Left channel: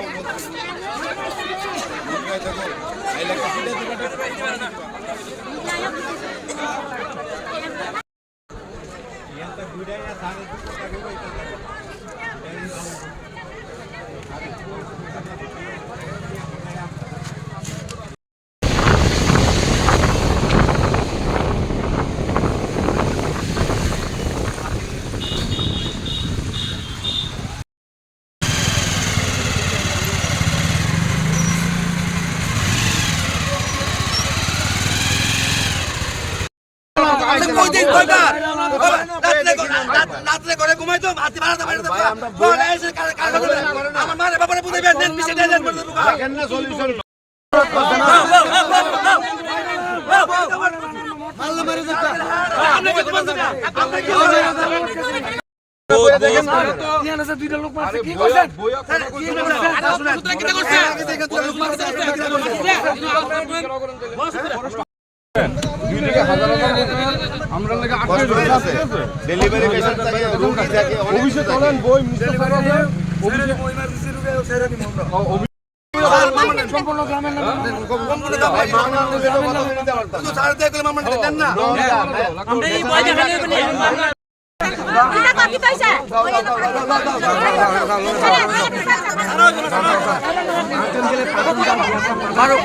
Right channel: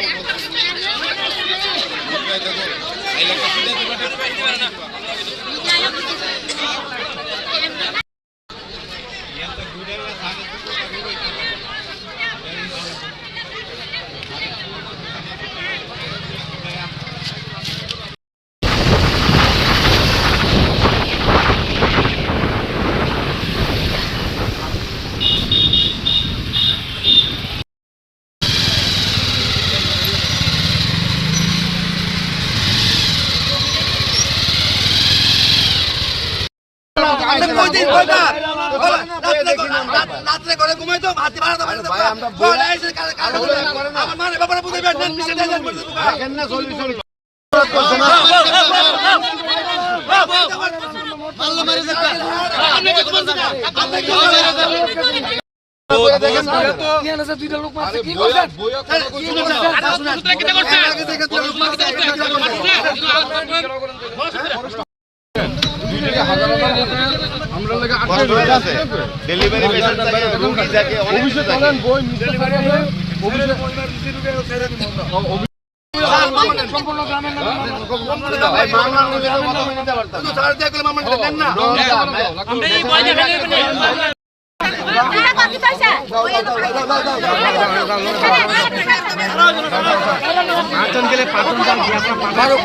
আমরা কইতেই কয়বার রাত্রে রাত- রাত্রে করে ঘুমাই তো হাতি বাড়াতে বাড়াতে আমার মানে বাবারে বুঝাইবেন নেন মিশে দেন দেন বলে বুকা তো সাড়ে দিয়ে গেলে মামা দেন না তার এই বন্ধু কবার কথা কই তার এই নিয়ে বন্ধু কবার বেশি কথা এই রোডে গেলে তিনবার হয়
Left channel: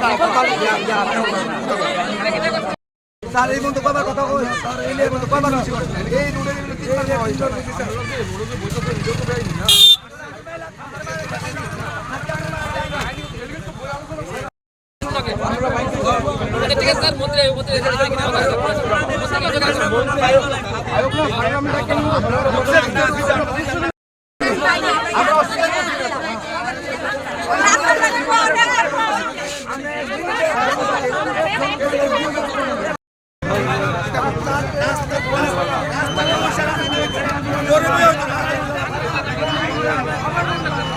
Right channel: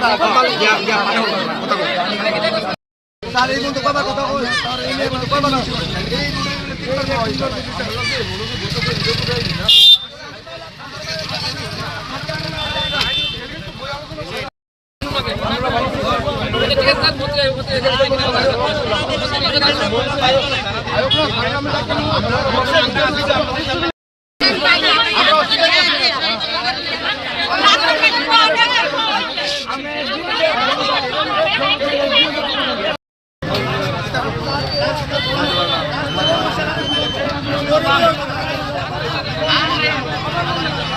আমরা গরমে কে কে সরকারি জায়গা মধ্যে বসবাস করতেছি কে চেহারা দেখা লাগা মন্ত্রী মন্ত্রী স্যার আর কেন দেখাইবো মন্ত্রী স্যার এখানে কেন কথা কইবো কিটা কয় তারিখ আমরা তো এতক্ষণ ধরে এর আগে কিছু একটা করছি, নিজেরা নিজেরা তো আমরা সংশোধন করব। এরপরে সংশোধন করব। থাকতে হয় না, আজকে ছয় সাত বছর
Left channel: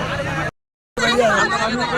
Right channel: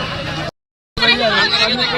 একটা। এই বইটা বুঝতেছি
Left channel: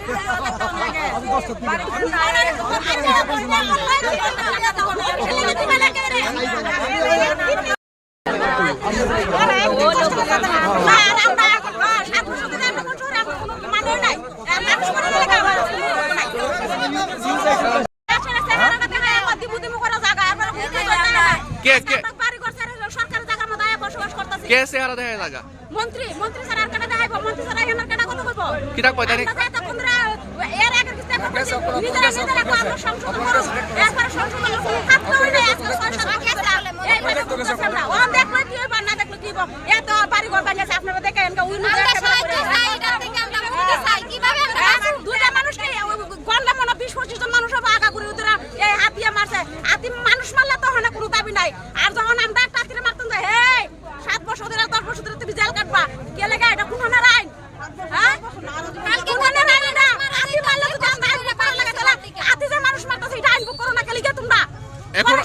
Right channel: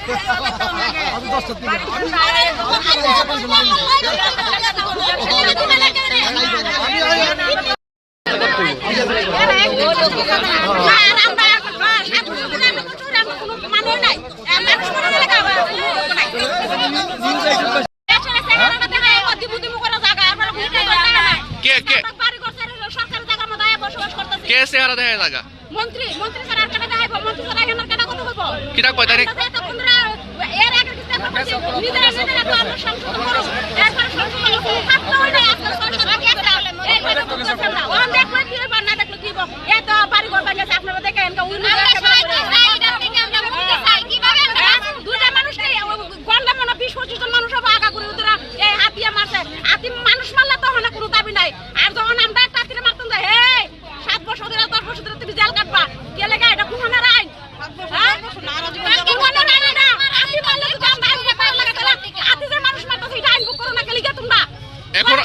কি কি হইবো। এত বাড়ি ঘর বানিয়েছে, আপনারা দেখেন, এনকা উইন্ডো একেবারে করে। হ্যাঁ, দুইটা মানুষ নেই, ও গন্ডা মনে হয় বিশ পঁচিশ জন মানুষ হবে আগা করে ওদের এই হাতিয়ে মারছে। হাতি মানুষ মারলে তো হয় না কোনো দাবি নাই। আর যখন আমরা একটা হাতিরে মারতাম যে হে সাত বছর ধরে দশ বছর ধরে তুমি জেল কাটবা। কে লেগে এটা কোনখানের আইন হ্যাঁ কোনখানের আইন এটা হাতি মারলে যদি আমরা আইন বুক করা লাগে তাহলে হাতি যে মানুষ মারতেছে এটা আইন বুক করো না কে লিগে তোমরা এখন-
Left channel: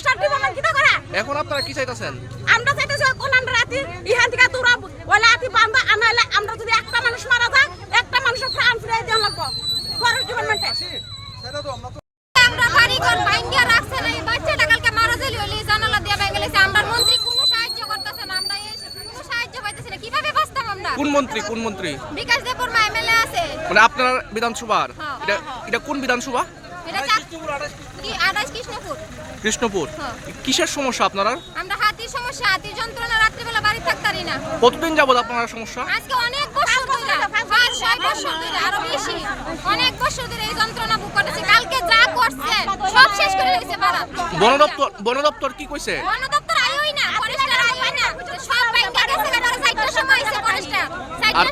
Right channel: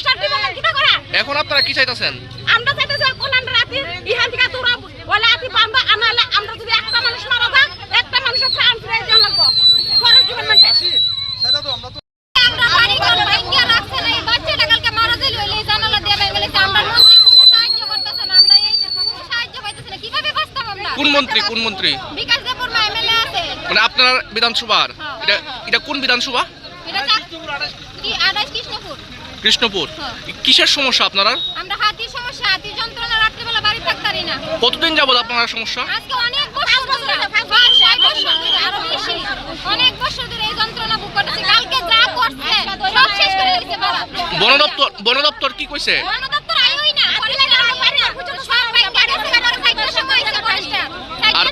এখন আপনারা কি চাইতেছেন আমরা চাইতেছি কোন রাতি ইহান থেকে তোরা বলে আতি বান্ধা আনালে আমরা যদি একটা মানুষ মারা যায় একটা মানুষের প্রাণ ফিরে দিতে লাগবো ফরেস্ট ডিপার্টমেন্টে আমরা বাড়িঘর ভাঙ্গিয়া রাখছে এই বাচ্চাটা কালকে মারা যাইলো, এই জানালা দিয়ে ভেঙে গেছে। আমরা মন্ত্রী কোনো সাহায্য করতেছে না, আমরা এই কোনো সাহায্য পাইতেছি না। কীভাবে বাঁচতাম আমরা? কোন মন্ত্রী কোন মন্ত্রী বিকাশ দেবপুর মা MLA আছে। মানে আপনার বিধানসভার হ্যাঁ, এটা হ্যাঁ, এটা কোন বিধানসভা এটা কৃষ্ণপুর। কৃষ্ণপুর হ্যাঁ। কিসের সমস্যা আপনারা আমরা হাতির সমস্যা, হাতির যন্ত্রণা, রাত্রিবেলা বাড়ি থাকতারি না। কতদিন যাবত আপনার সমস্যা আজকে অনেক বছর ধরে, পাঁচ, ছয় বছর ধরে, আরও বেশি। অনেক বছর ধরে এই যন্ত্রণা ভোগ করতেছি। কালকে যা করছে, সব শেষ করে দিয়েছে বাবা। বন দপ্তর বন দপ্তর কি কইছে বন দপ্তর আইওই না। সব আমার সময়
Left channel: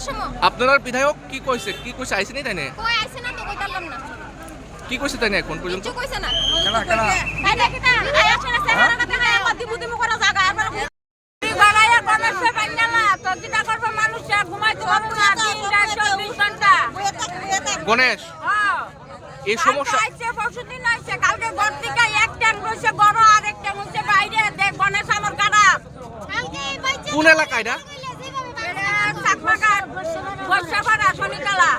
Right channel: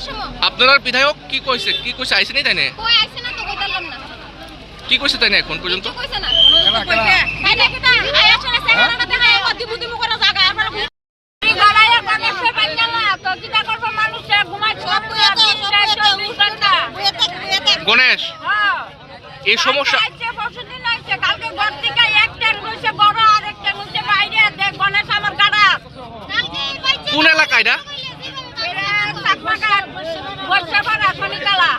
সময়। আপনার বিধায়ক কি কইছে কি কইছে আইসেনি তাই না কই আইছে না তো কইতালাম না। কি কইছে তাই না এখন পর্যন্ত? না। কিটা কিটা গণেশে কিটা হ্যাঁ? এই সমস্যা কালকে ঘর থেকে এক ট্যাঙ্ক রয়েছে বড় আর এক ট্যাঙ্ক বাইরে। দেখ গণেশ আমার গাড়া। কোন এলাকায় শনিকালা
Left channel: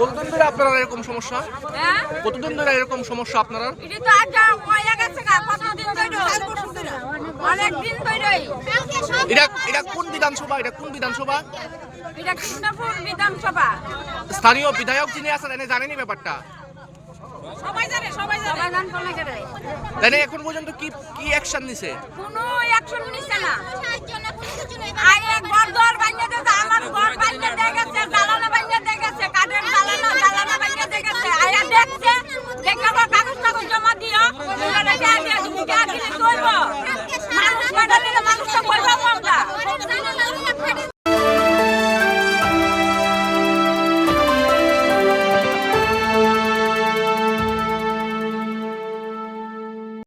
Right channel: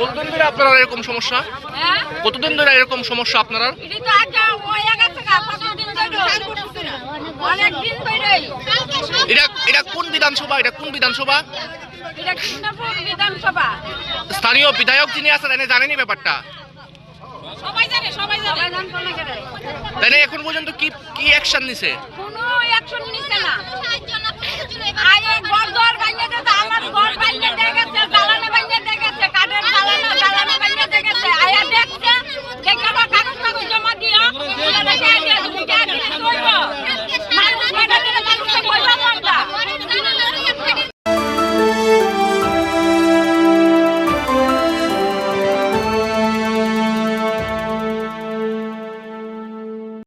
কতদিন ধরে আপনারা এরকম সমস্যা? হ্যাঁ? কতদিন ধরে এরকম সমস্যা আপনারা? এটি তো আজ গেছে গা কতদিন ধরে? অনেক দিন ধরে। এটা এটা কোন বিধানসভা? এটা কোন বিধানসভা? এটা কৃষ্ণপুর বিধানসভা। স্থানীয় বিধায়ক যিনি আছেন এনে জানেনি ব্যাপারটা? এখন পর্যন্ত কি কি অ্যাকশন নিছে? কোনো অ্যাকশন নিছে না। আয়ে ঘর দর ভাঙিয়ে আমার ঘর ভাঙিয়ে কইব মানুষ মাইরা দিলে মানুষটা কইব আমরা।